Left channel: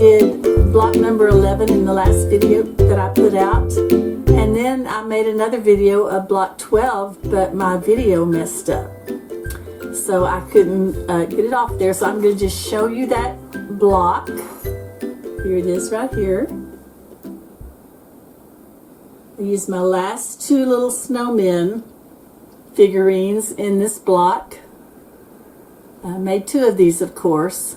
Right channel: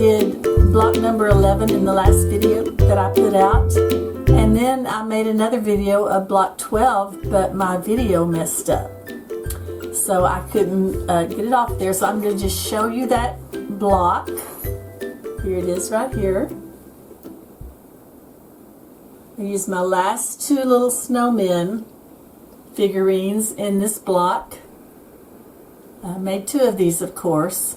did block number 11 in the last video that I put out. And then I made another video of block 12, but my video messed up. So I couldn't get it off there. So I'm going to just show you that block. Here it is right here. I used my last two little snowmen figurines in this block. I made two of these, of course.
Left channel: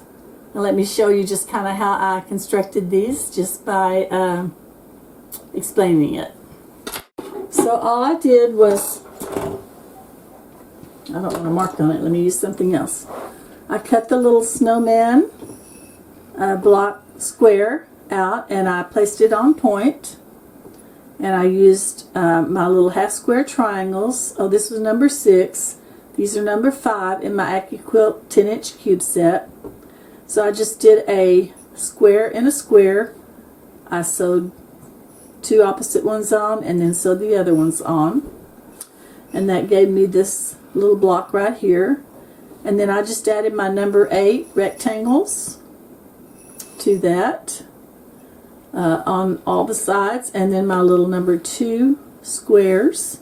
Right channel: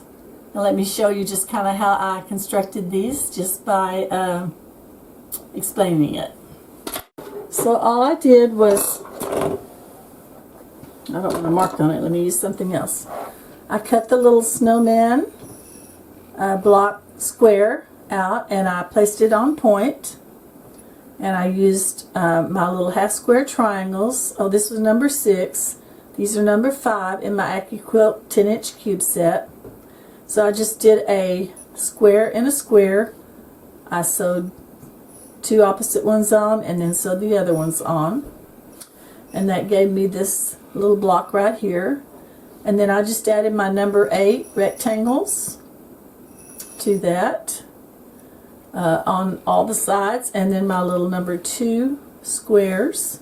Now let me show you just kind of how I constructed these just by explaining it. So all I did was, I don't want to mark on it, let me use something else. I cut the little snowman block square out and I placed it on point. And I used my little half square triangles. Oh, this was number 6. These are number 5 in my Accuquilt 10-inch cube set. So I just did a square and a square. I sewed two opposite ones on and then sewed the other ones on. And that gave me this little block right here. And then I just added my number 8 rectangles to that. On all the sides, and then my little number 2 squares,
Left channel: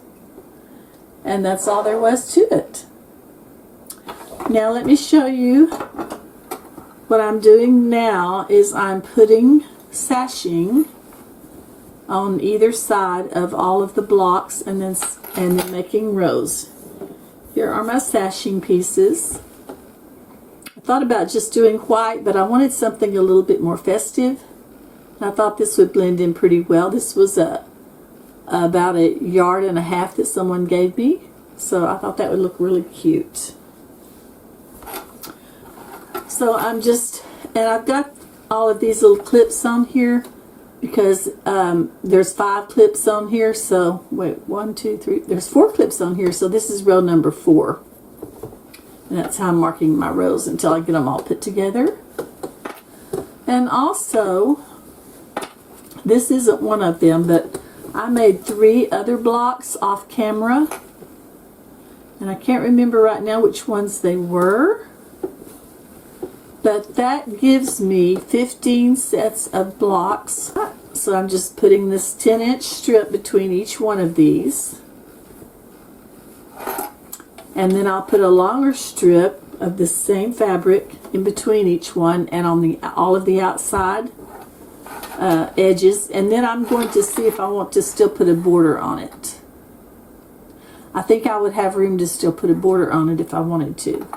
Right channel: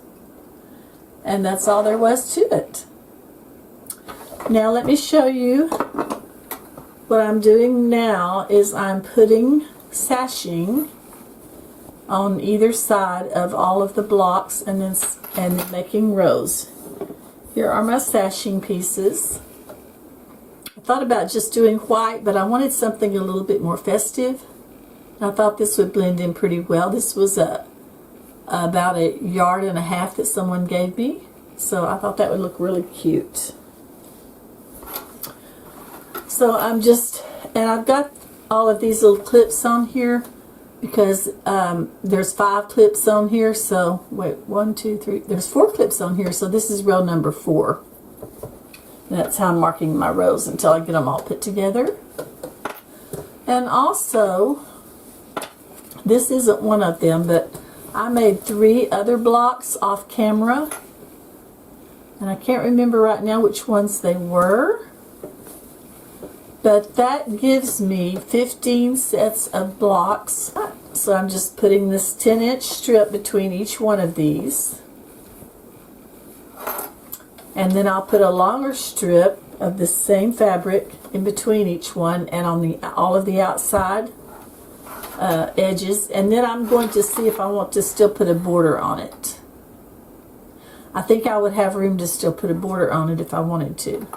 and that's all there was to it. Now let me show you what I'm doing now. Is I'm putting sashing on either side of all of the blocks and then making rows. Here are my sashing pieces. I thought about just doing white, but I wanted something a little bit more festive. I thought this would blend in pretty well. This was about 1.5 yards that someone gave me. So I thought that would look really cute. So I'm just, and I've got all of these little clips on here because there's 5 clips on here. So wait, 1, 2, 3, there's 4 clips on here. So this is row number 4. And that's how I'm marking my rows until I get them all put together. And also, this isn't one of them, but I made 3 other blocks off camera. And I can't remember right now which ones they were. But that gives me 15 sets of blocks. So I'm just putting this 10-inch strip between each one of these. And then I'll put a longer strip of this same fabric in between each one and on all of the outside edges, and then I'm going to see if I want to still put a border on it. I think I would have room to still put a border on it if I wanted to.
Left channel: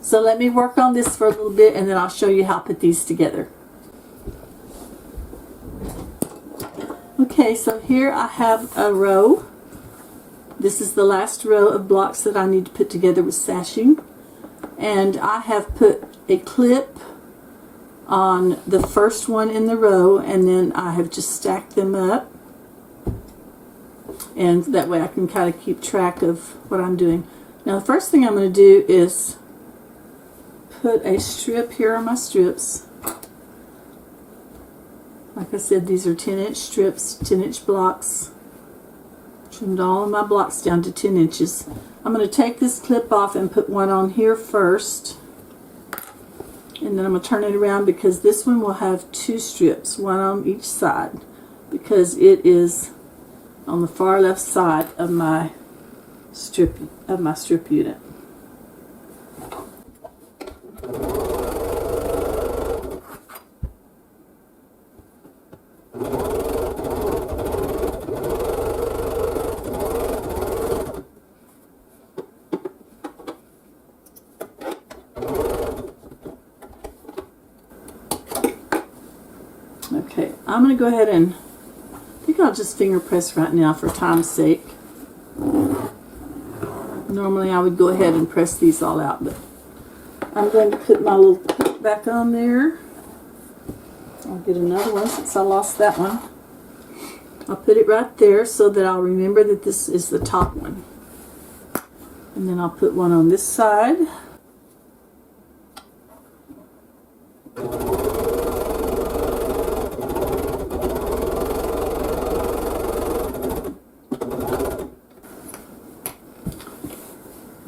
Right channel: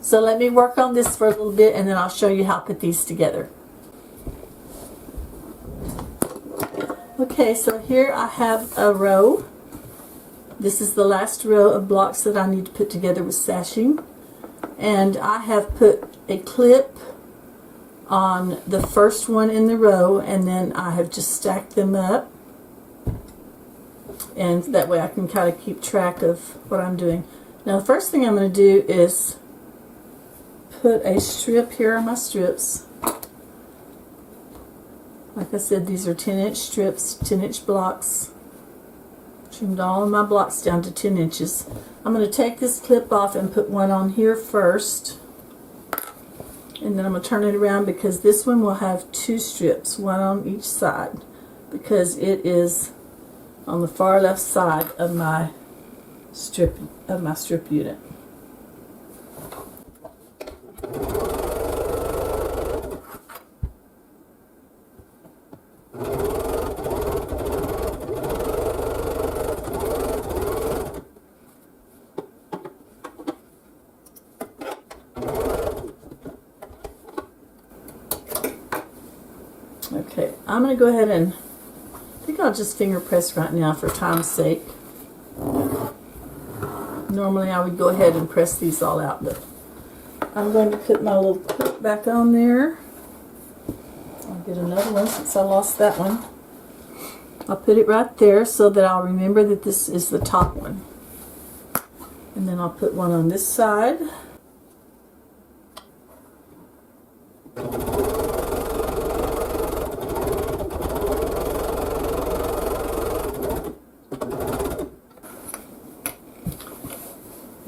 So let me work on this for a little bit and then I'll show you how to put these together. Okay, so here I have a row. This is the last row of blocks that I need to put together with sashing. And I have put a clip on the first one in the row, and then I have just stacked them up, and that way I can kind of keep track of what I'm doing. Now the first thing I'm going to do is put a strip here on my strips. Like I said, these are 10-inch strips, 10-inch blocks. Trimmed all of my blocks down to 10 inches. I'm going to take this clip off and put one on here first. And then I'm going to turn it around because this one will have 2 strips, one on each side, because it is on the far left side of my strip unit. Okay, I'm going to go ahead and, I think I'll just finger press right now for time's sake. Normally I would go ahead and press these all out, but I'm going to put my little clip back on there. I'll get another one since I lost that one. I'll put it right there so that I'll remember that this is the top one. And then I'll put one on this side.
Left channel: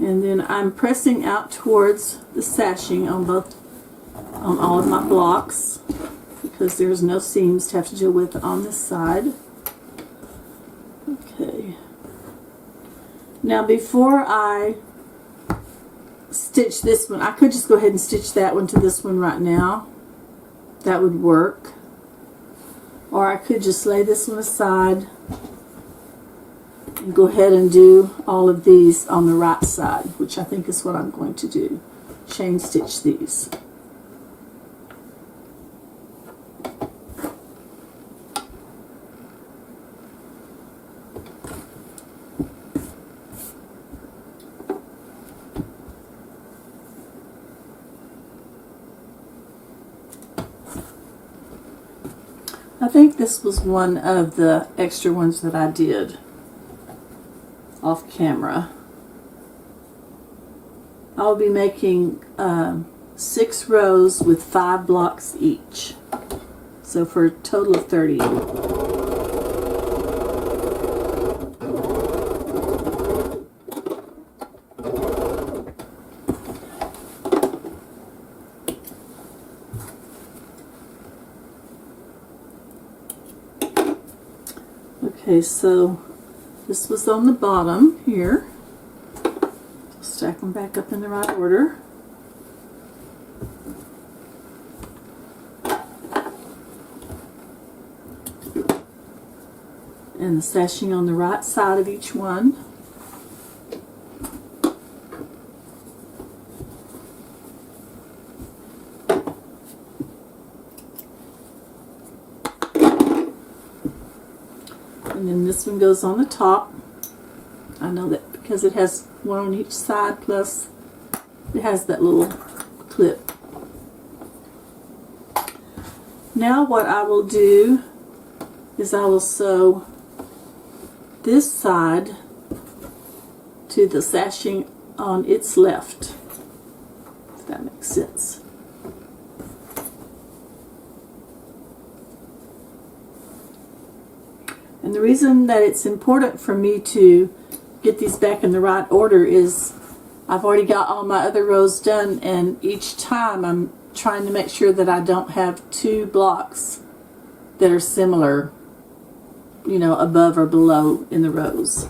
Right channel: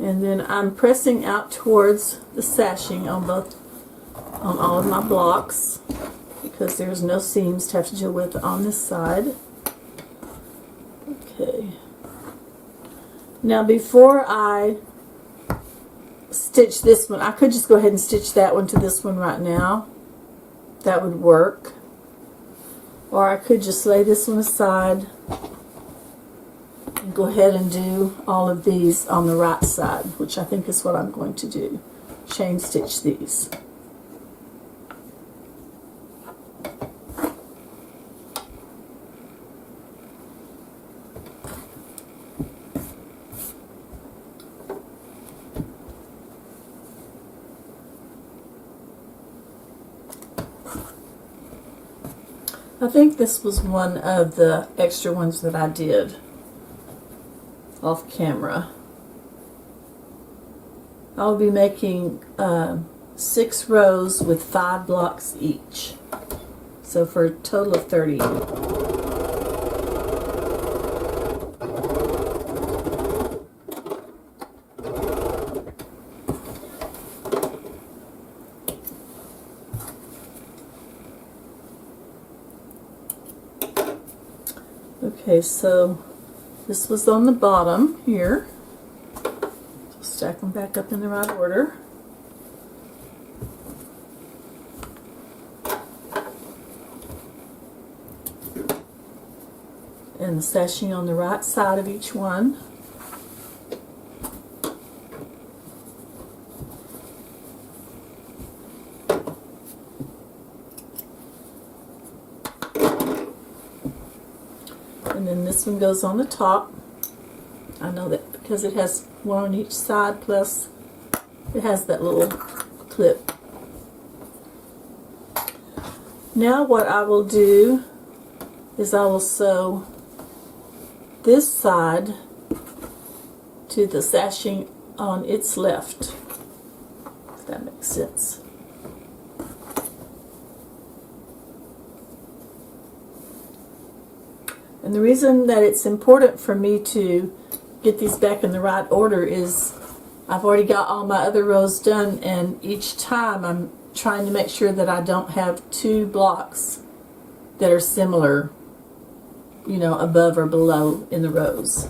And then I'm pressing out towards the sashing on all of my blocks. because there's no seams to have to deal with on this side. Okay. Now before I stitch this one, I could just go ahead and stitch that one to this one right now. That would work. Or I could just lay this one aside and go ahead and do all of these on the right side, which I think is what I'm going to do. Chain stitch these. I think this was one of the extra ones that I did off camera. I'll be making 6 rows with 5 blocks each. So for a total of 30. Okay, so this was on the bottom here. So stack them back up in the right order. And the sashing on the right side of each one. And then this one goes on the top. I know that because it has one on each side, plus it has that little clip. Now what I will do is I will sew this side to the sashing on its left, if that makes sense. And the reason that it's important for me to get these back in the right order is I've already got all my other rows done, and each time I'm trying to make sure that I don't have 2 blocks that are similar, you know, above or below in the rows.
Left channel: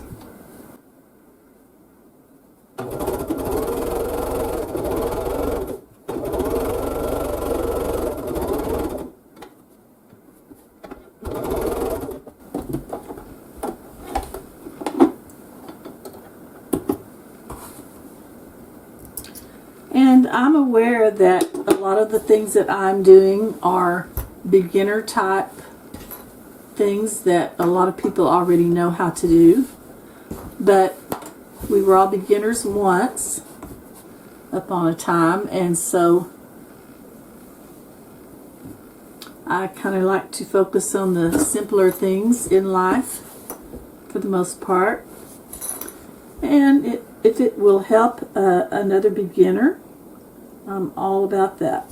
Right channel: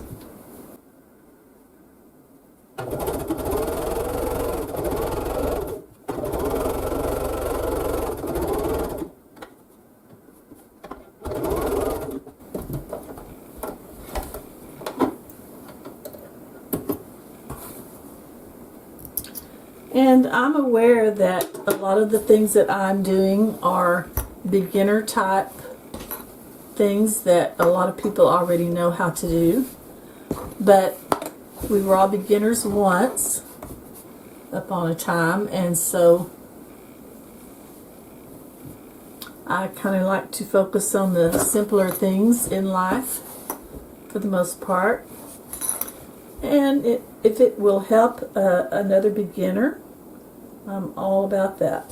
And I'm aware that a lot of the things that I'm doing are beginner type things that a lot of people already know how to do. But we were all beginners once upon a time, and so I kind of like to focus on the simpler things in life for the most part. And if it will help another beginner, I'm all about that.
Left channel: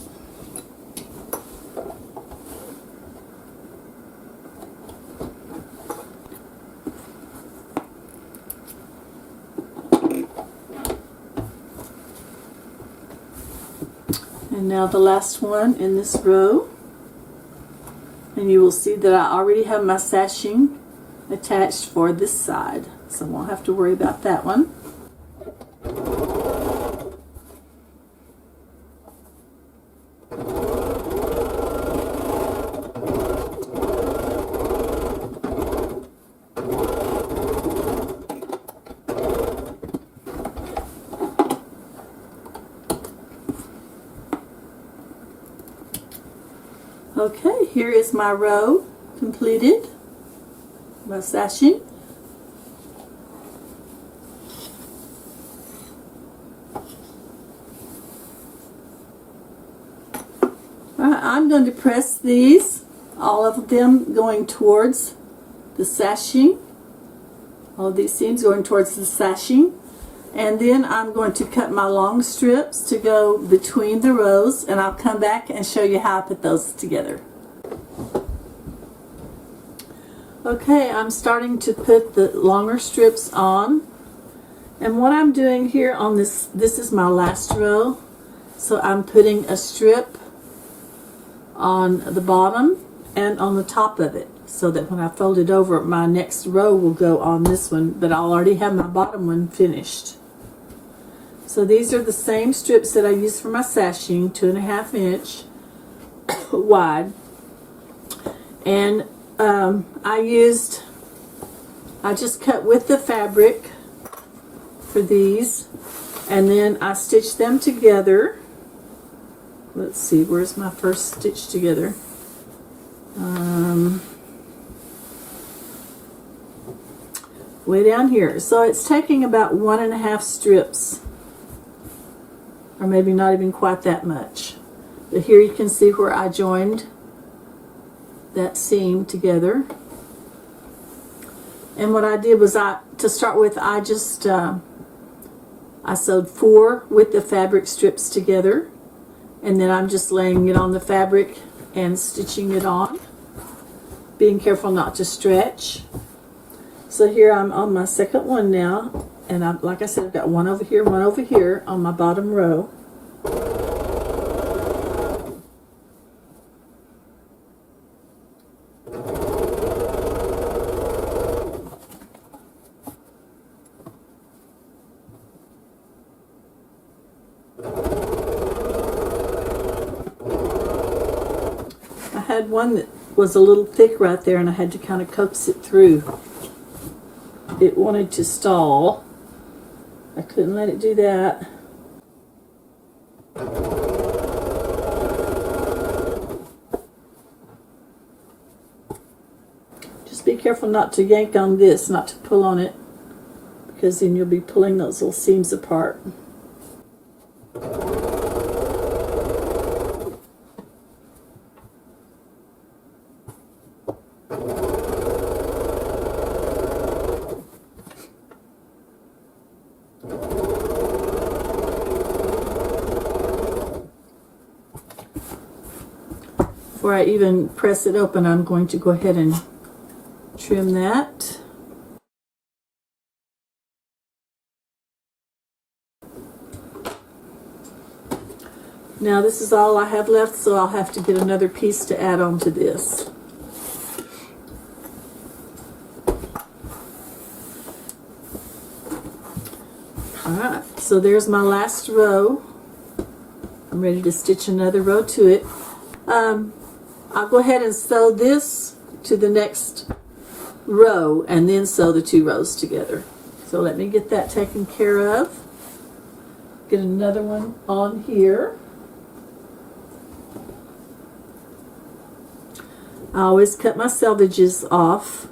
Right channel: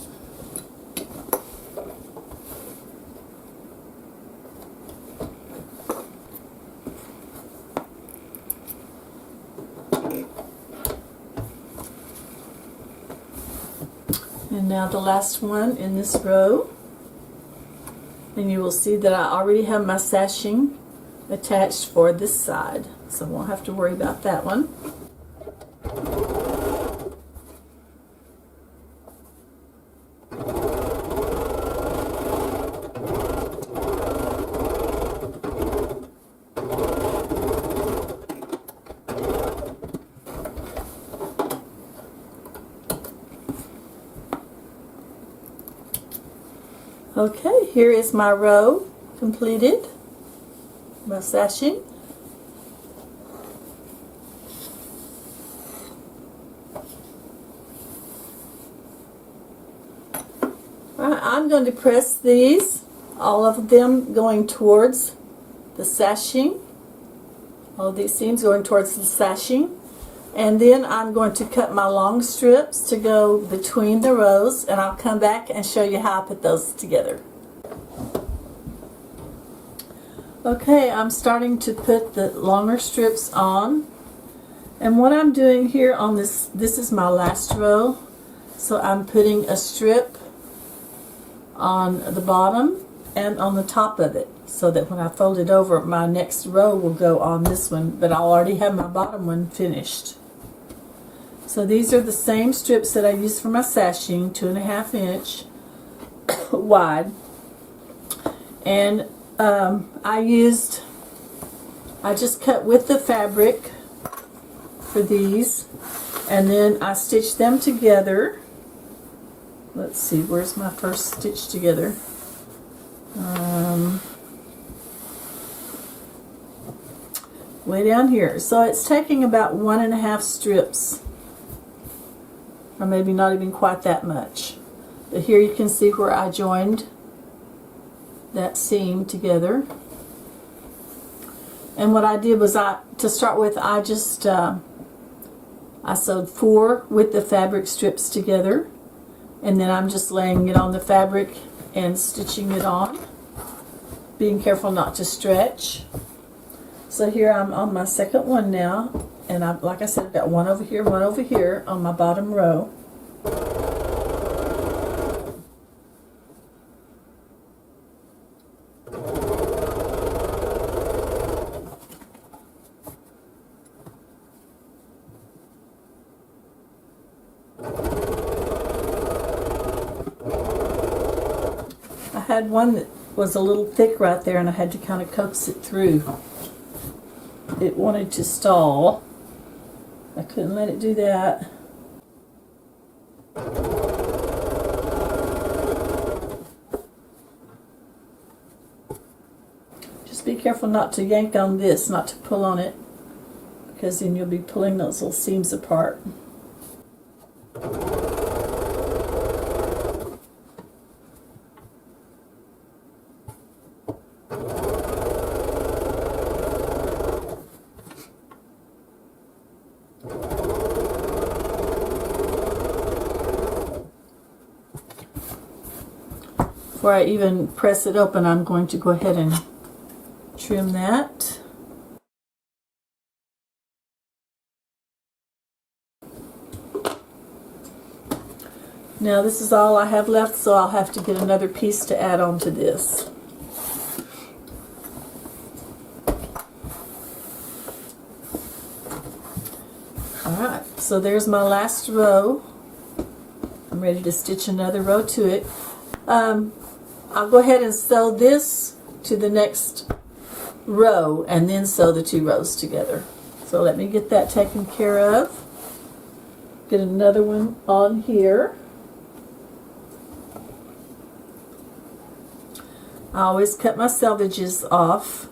And now the last one in this row. And you will see that I already have my sashing attached for this side, so I won't have to worry about that one. Okay, here is my row completed, my sashing. I'm going to press these, all of them going towards the sashing, all of these seams going towards the sashing, and then I'm going to cut my long strips to go between the rows, and I'll come back and show you how I put those together. Okay, I'm starting to put the longer strips on, and what I'm doing here on this is my last row, so I'm putting a strip on the bottom and on the top of it, so that when I fold it over, my next row will go on this one, but I'll already have my bottom one finished. So these are the same strips that I used for my sashing, 2.5 inch wide. And I just cut with the fabric for these, and then I stitched them together. Let's see, where's my first stitch together? Way down here. So it's taking about 1.5 strips, or maybe not even quite that much. But here you can see where I joined that seam together. And what I did was, to start with, I just I sewed 4 with the fabric strips together, and then I'm just laying it on the fabric and stitching it on, being careful not to stretch. So here I'm on my second one now, and like I said, I've got one over here on my bottom row. I had one that was a little thick right there, and I had to kind of coax it through. It wanted to stall. I couldn't let it do that. Just be careful not to yank on this, not to pull on it, because then you'll be pulling those little seams apart. Before I even press it open, I'm going to go ahead and trim that. Now this is all I have left, so I'll have to get another piece to add on to this. Alright, so there's my last row. I'm ready to stitch another row to it. I'll go ahead and sew this to the next row and then sew the 2 rows together. So let me get that taken care of. Get another one on here. I always cut my selvages off.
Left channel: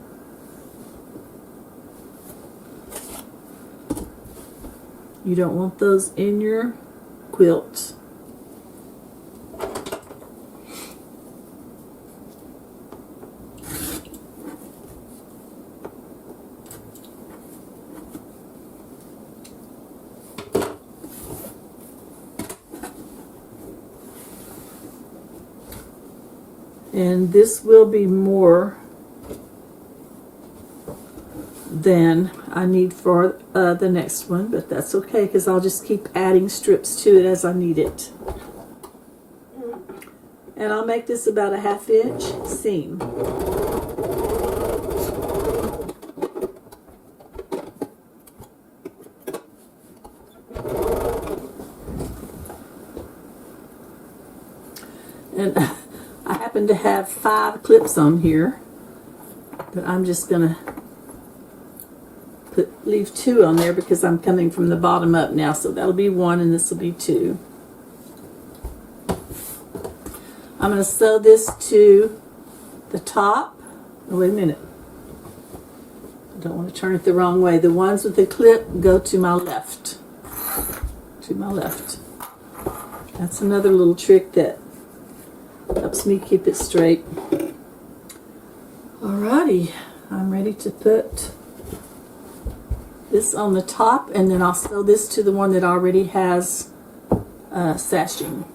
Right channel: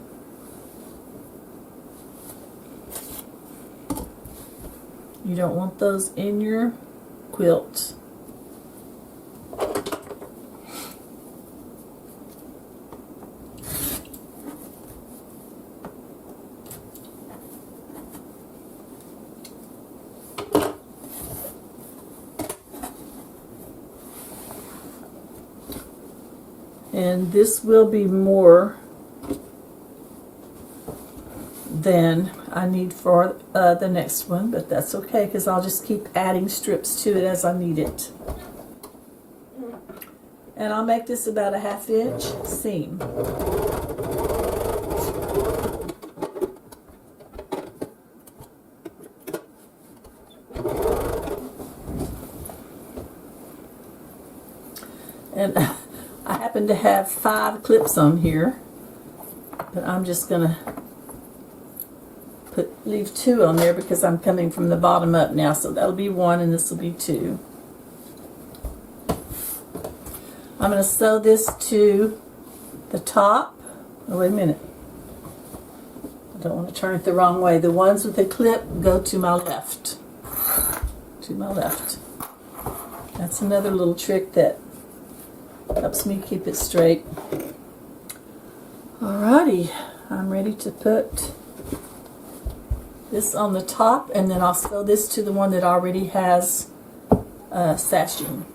You don't want those in your quilt. And this will be more than I need for the next one, but that's okay, because I'll just keep adding strips to it as I need it. And I'll make this about a 1/2 inch seam. And I happen to have 5 clips on here, but I'm just gonna leave 2 on there because I'm coming from the bottom up now, so that'll be 1 and this will be 2. I'm going to sew this to the top. Oh, wait a minute. I don't want to turn it the wrong way. The ones with the clip go to my left. To my left. That's another little trick that helps me keep it straight. Alrighty, I'm ready to put this on the top, and then I'll sew this to the one that already has sashing.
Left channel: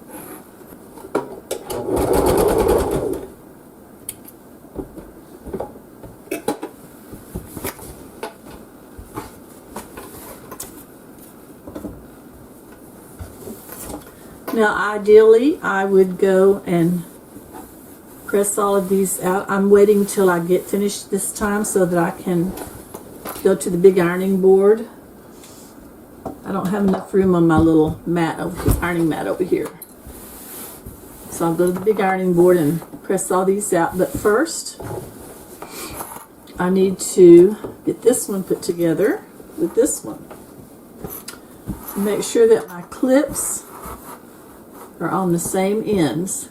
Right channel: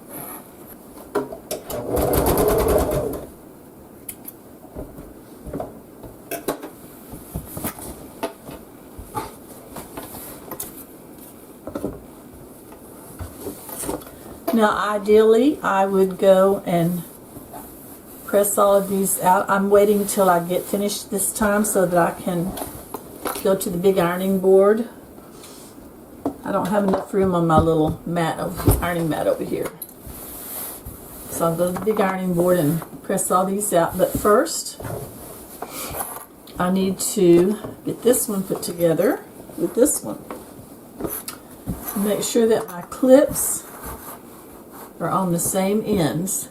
Now ideally I would go and press all of these out. I'm waiting till I get finished this time so that I can go to the big ironing board. I don't have enough room on my little mat over here, ironing mat over here. So I'll go to the big ironing board and press all these out. But first, I need to get this one put together with this one. Make sure that my clips are on the same ends.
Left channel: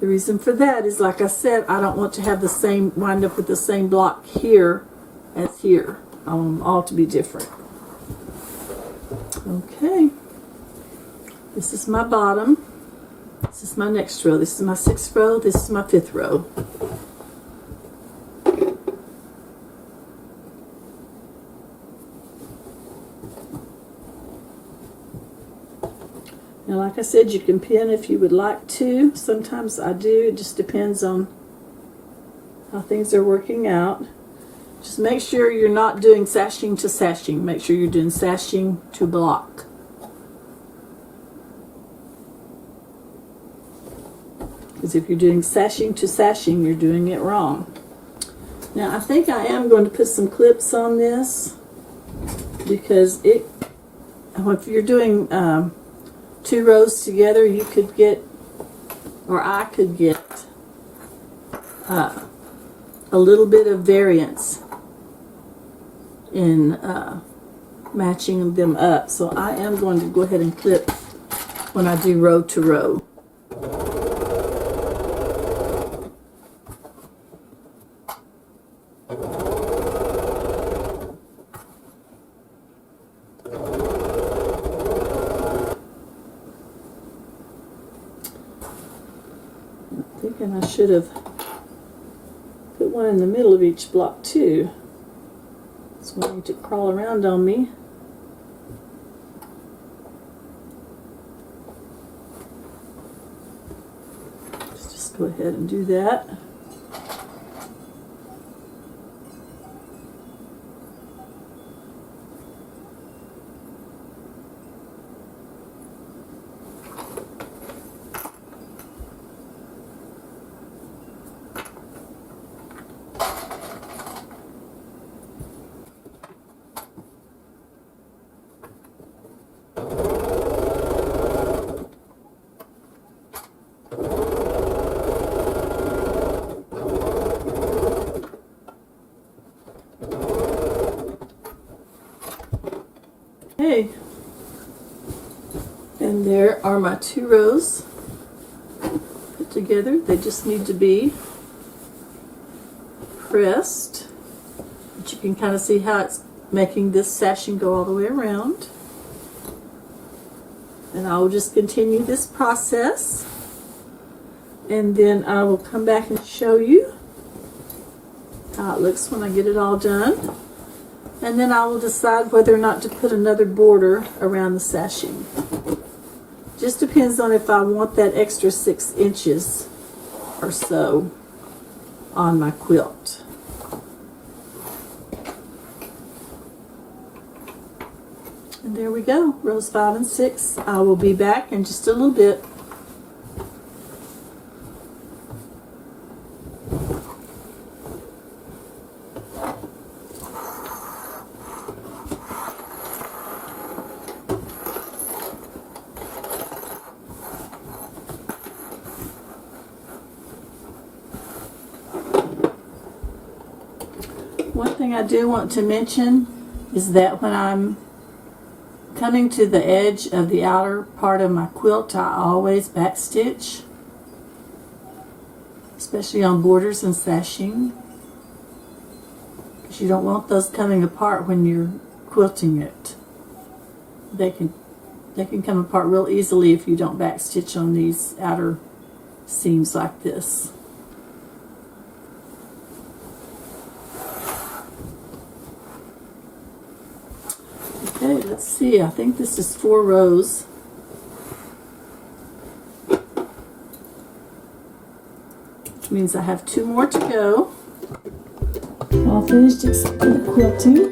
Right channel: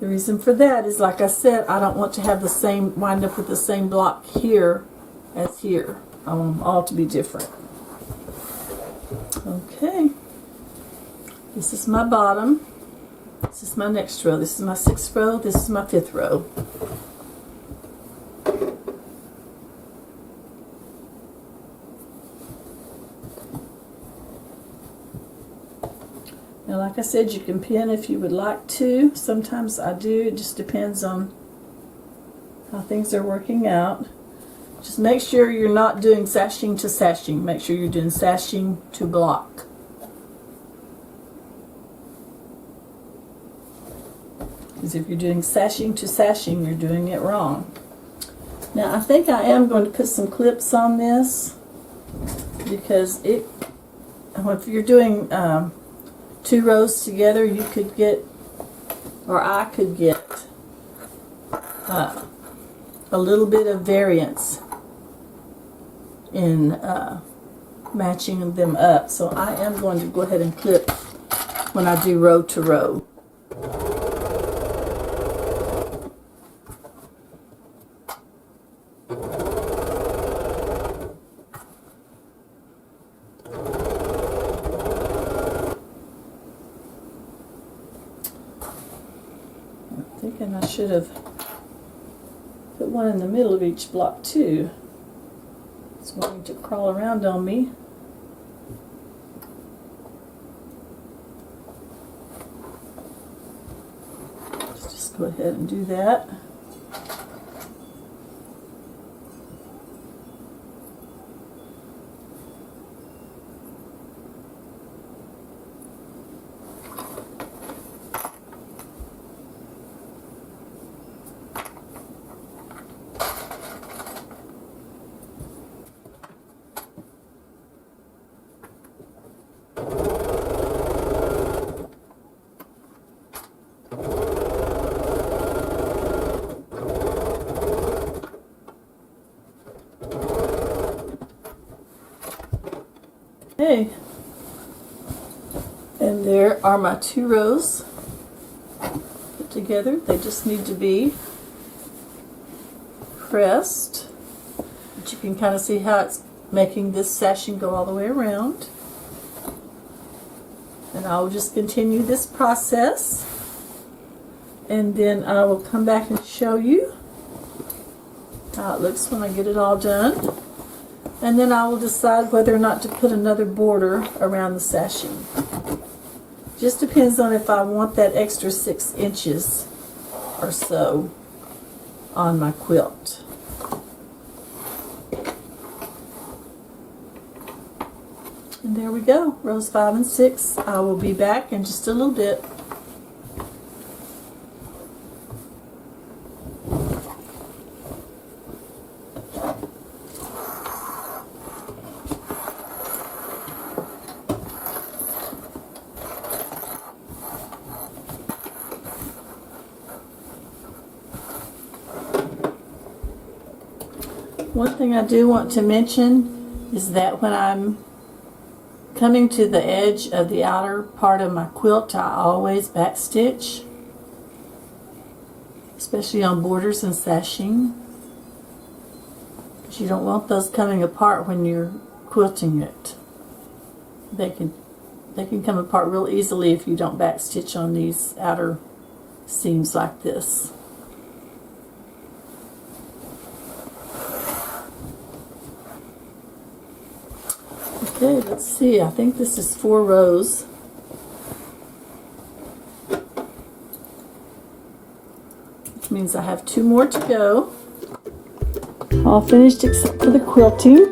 The reason for that is, like I said, I don't want to have the same, wind up with the same block here as here. I want them all to be different. Okay. This is my bottom. This is my next row. This is my 6th row. This is my 5th row. And like I said, you can pin if you would like to. Sometimes I do. It just depends on how things are working out. Just make sure you're not doing sashing to sashing. Make sure you're doing sashing to block. Because if you're doing sashing to sashing, you're doing it wrong. Now I think I am going to put some clips on this, because if you're doing 2 rows together, you could get, or I could get, a little bit of variance in matching them up. So I am going to go ahead and clip when I do row to row. I should have put one in the middle of each block too. It's wanting to crawl around on me. Let's just go ahead and do that. Okay, and there are my 2 rows put together. They just need to be pressed, but you can kind of see how it's making this sashing go all the way around. And I will just continue this process, and then I will come back and show you how it looks when I get it all done. And then I will decide whether or not to put another border around the sashing. Just depends on if I want that extra 6 inches or so on my quilt. And there we go, rows 5 and 6. I will be back in just a little bit. One thing I do want to mention is that when I'm coming to the edge of the outer part of my quilt, I always backstitch, especially on borders and sashing, because you don't want those coming apart when you're quilting it. They can come apart real easily if you don't backstitch on these outer seams like this. Okay, let's see. I think this is 4 rows. Which means I have 2 more to go. All finished except for the quilting.